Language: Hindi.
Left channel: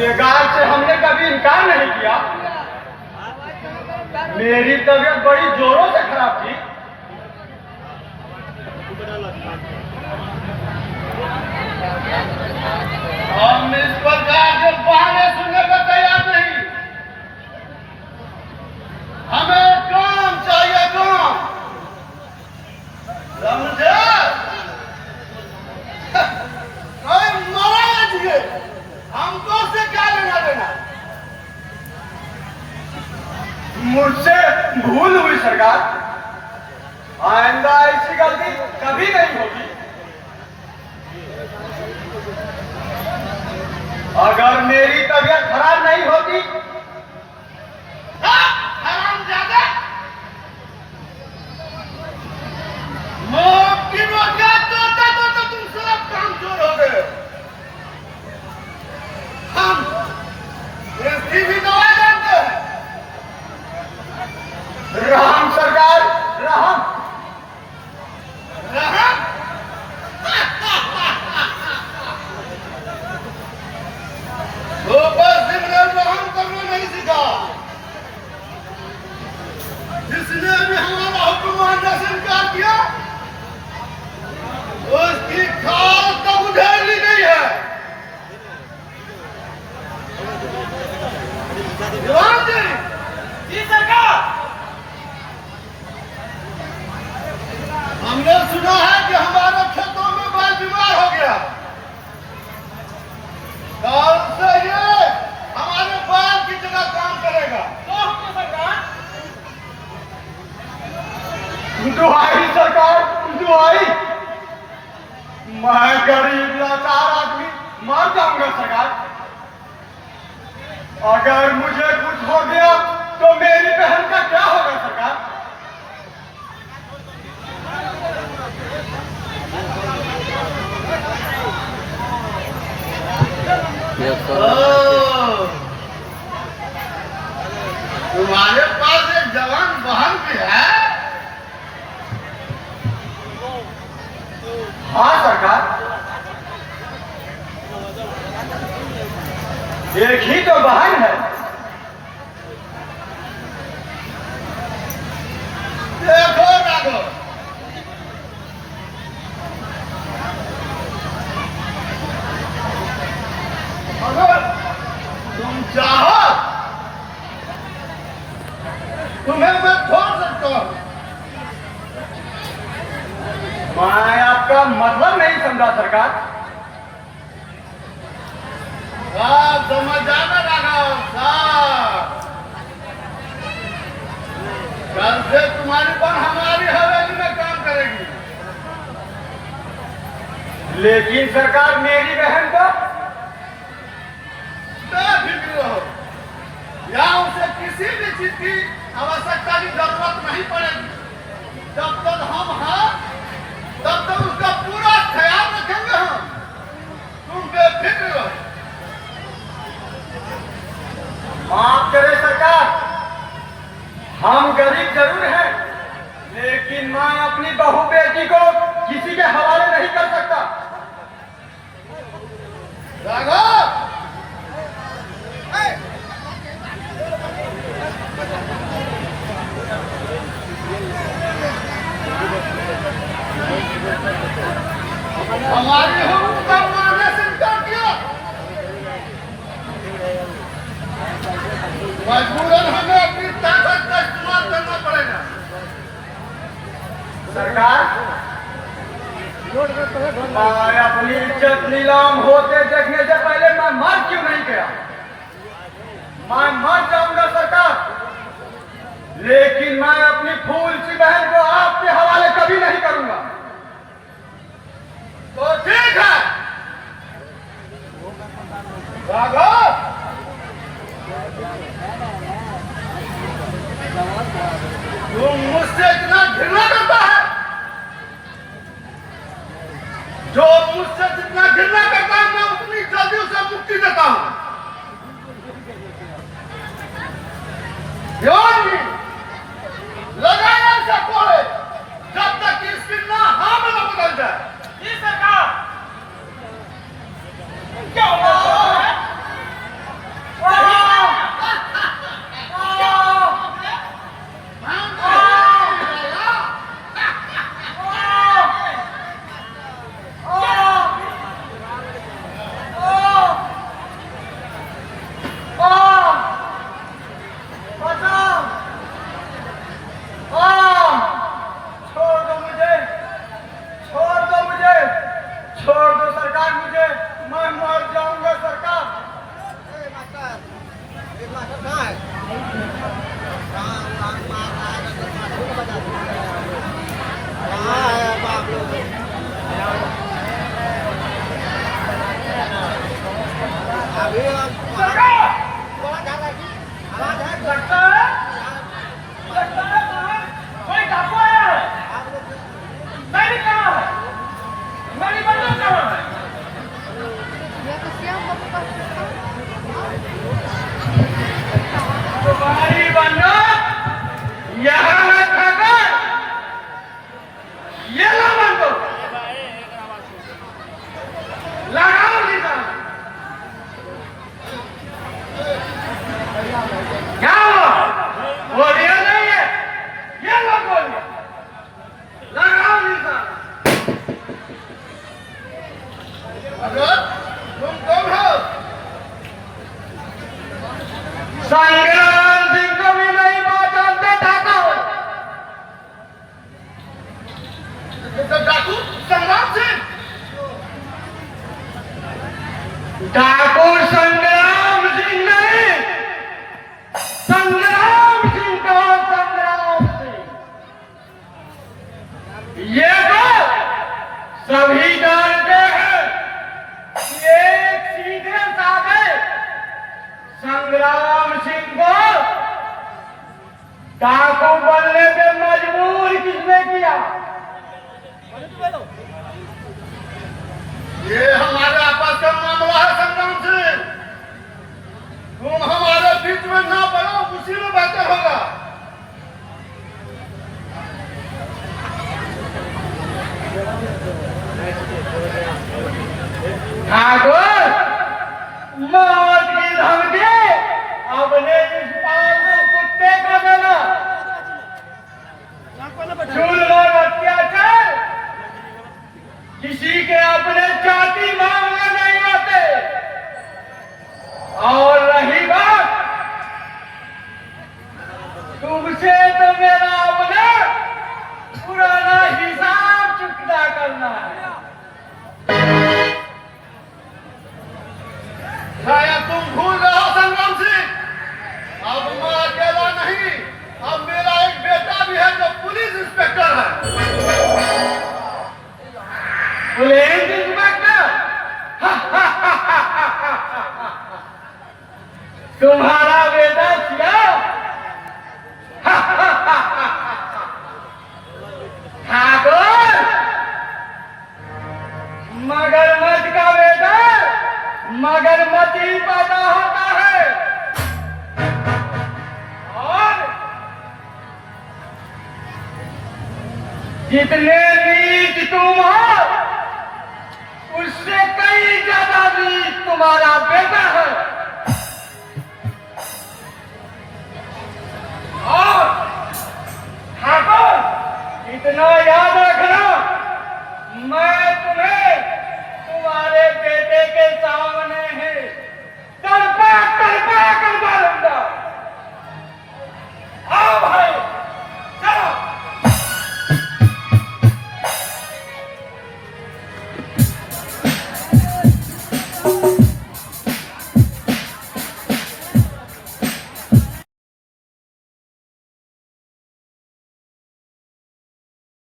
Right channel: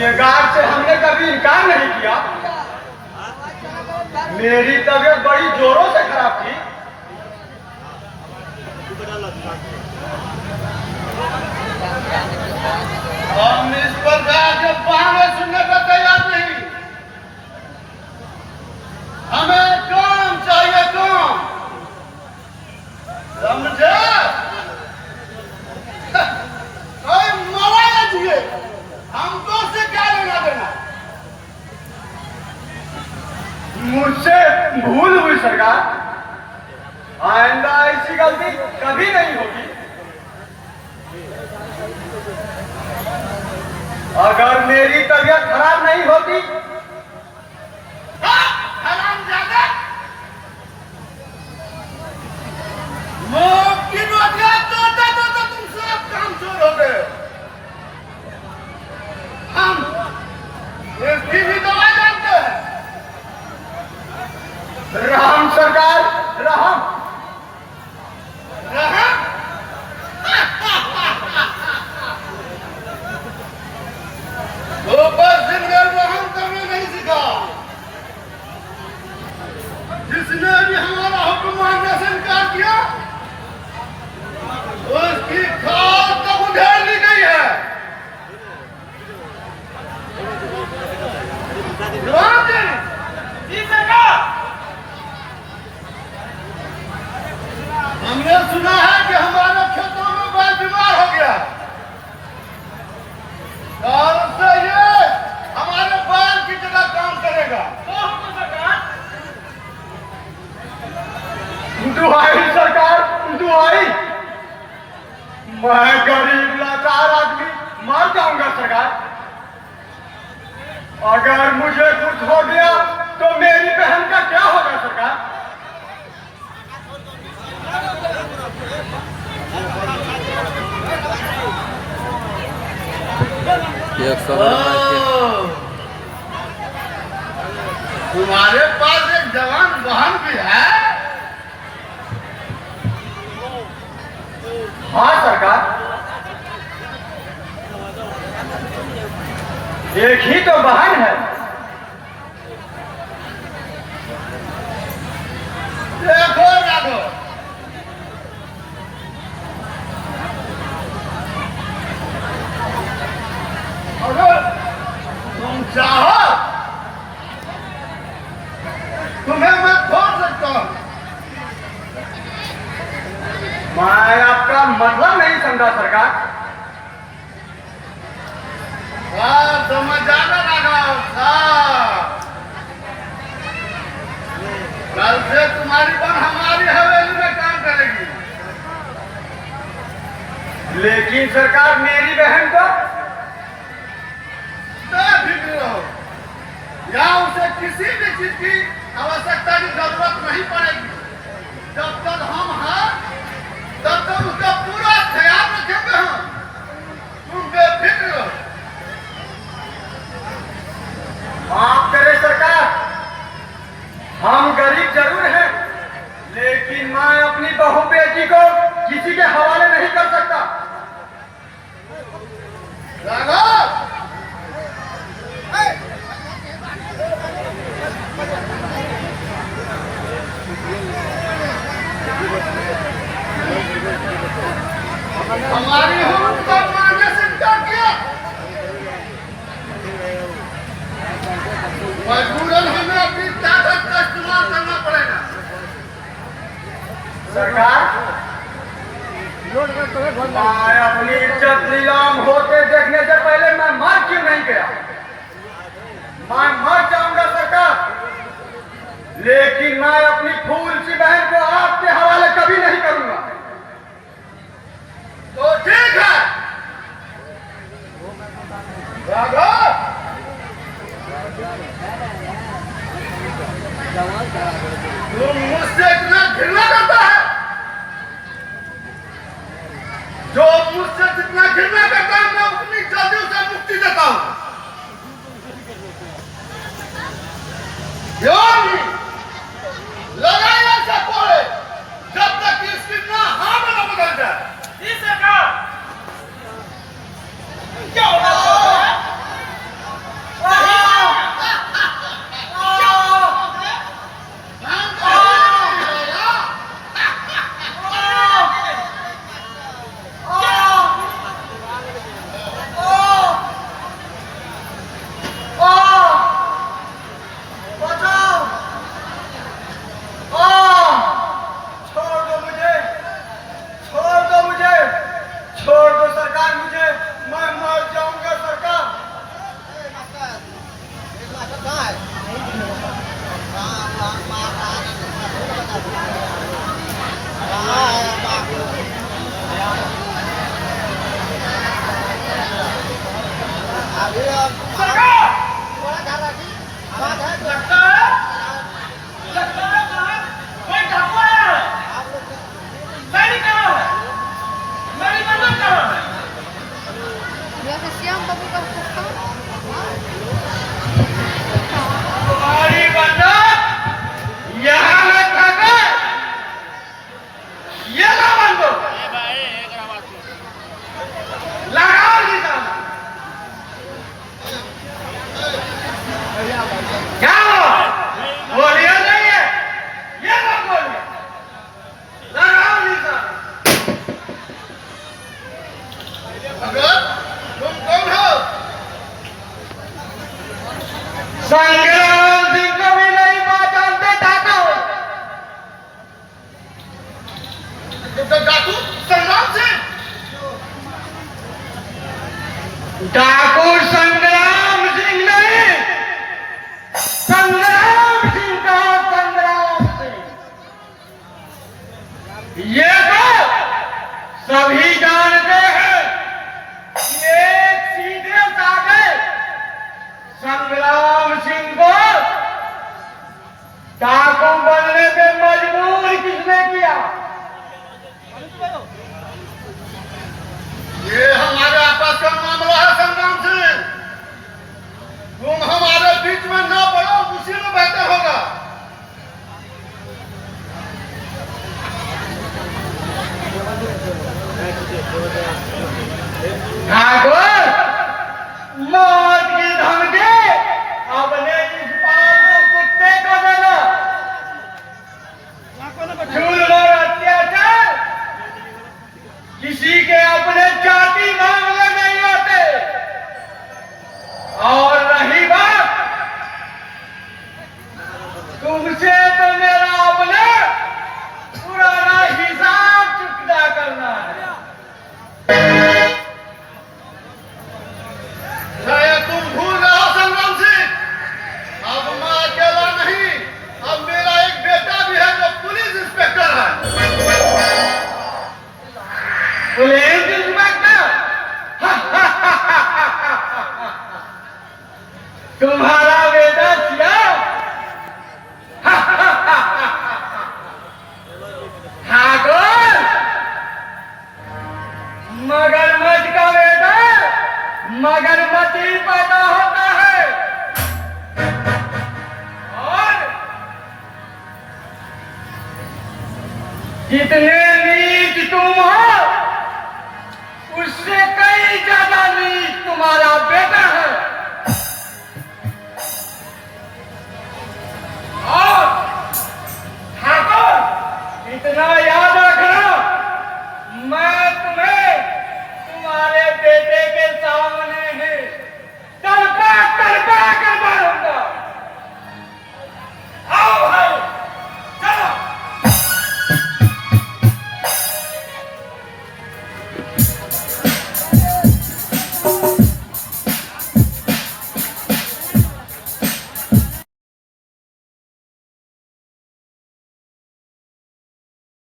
गुनहगार से हमने कभी इनकार नहीं किया। मेरी तबीयत बड़ी जोरों से खराब थी। हम इस प्रकार के बहाने सुनने पर तैयार नहीं। हमें काम चाहिए, काम। समझे? कोई मरा ना जिए, हमको से क्या लेना देना। मुझसे भूल हुई सरकार, आइंदा ऐसी गलती कभी नहीं होगी। अगर मेरी तबीयत खराब नहीं होती, हरामजादा, मौत की रोटियां तोड़ते तो तुम सब काम चोर हो गए। हम इसकी भी दवाई जानते हैं। राम सरकार, राम राम। ऊपर से राम करना नहीं सीखा। जिसने भी हमारा हुक्म मानने से इनकार किया, उसकी खाल तब उधेड़ ली गई है। जवान जी सरकार, हमने सुना है कि हमारे खेतों में बैल बीमार हो गया। और उससे ये हमारे बैल की जगह काम करेगा। दुआई सरकार, दुआई। मैं गरीब लाचार आदमी मर जाऊंगा सरकार। अगर मुझे कुछ हो गया तो मेरी बहन का क्या होगा सरकार? तुम्हारे पास एक जवान बहन भी है? हाँ सरकार, एक ही तो बहन है। देखो राघव, अगर तुम चाहो तुम्हें मैं खोल सकता हूं। मैं आपका मतलब नहीं समझा सरकार। समझ जाना राघव साहब, कल से तुम्हारी बहन हमारी हवेली में काम करेगी। लेकिन सरकार, मेरी बहन को बेफिक्र रहो, या उसे किसी भी चीज की आवश्यकता की जरूरत नहीं पड़ेगी। जब तक हम हैं तब तक उसका पूरा ख्याल रखेंगे हम। तुम बेफिक्र रहो। माफ करे सरकार, हम गरीब जरूर हैं, लेकिन मैं अपनी बहू बेटी को किसी के हवाले नहीं कर सकता। राघव, हमारी हुक्म का मानने से इनकार किया, मजबूरन हमें अपनी ताकत का इस्तेमाल करना पड़ेगा। सरकार, मैं अपनी इज्जत नीलाम होते देखने से पहले मैं मर क्यों नहीं गया? मैं मर जाऊंगा सरकार, लेकिन मैं अपनी फूल सी बहन को आपके हवाले कभी नहीं करूंगा। तो ठीक है राघव, तुम मुझसे इतना घृणा करता है? जो मुझसे जितना घृणा करता हूं, मैं उतनी जल्दी उसे मुक्ति देता हूं। लगाया से कोड़े जब तक इसकी ना हाँ में न बदल जाए। सरकार, क्या हो रहा है? सरकार लगता है बाहर कोई डाकू आया है। सैनिक कहाँ है? मेरी बंदूक कहाँ है? तुम्हारी बंदूक यहाँ रखकर ये ला बंदूक लगाओ निशान। क्या बोलिए नहीं है ये लोग बोलिए लगाओ निशान। अगर तुम कौन हो? संग्राम सिंह को भी नहीं पहचानते डाकू हो। डाकू संग्राम सिंह? डाकू संग्राम सिंह नहीं, संग्राम सिंह का संग्राम सिंह। ये तो सभी जानते हैं कि एक सीधे साधे संग्राम सिंह को डाकू बनने पे मजबूर किसने किया? ये हमारे आपस का मामला है संग्राम सिंह। तुम हमारे बीच में ना पड़ो, उसी में बेहतर होगा। ठाकुर मौत की धमकी अपने इस पालतू कुत्ते को देना। जुल्म और अत्याचार किसी के अपने जाति मामले नहीं होते। और रही बात तुमसे, तो मेरा अपना पुराना हिसाब चुकता करना है। शायद तुम भूल रहे हो संग्राम सिंह, अब मैं अकेला नहीं, अब मेरा एक बेटा भी है जो पुलिस इंस्पेक्टर है। Police inspector? तुम्हारा बेटा क्या? ठाकुर मगरमच्छ का बेटा मगरमच्छ ही पैदा होता है। और जितने नीच तुम हो उससे कई ज्यादा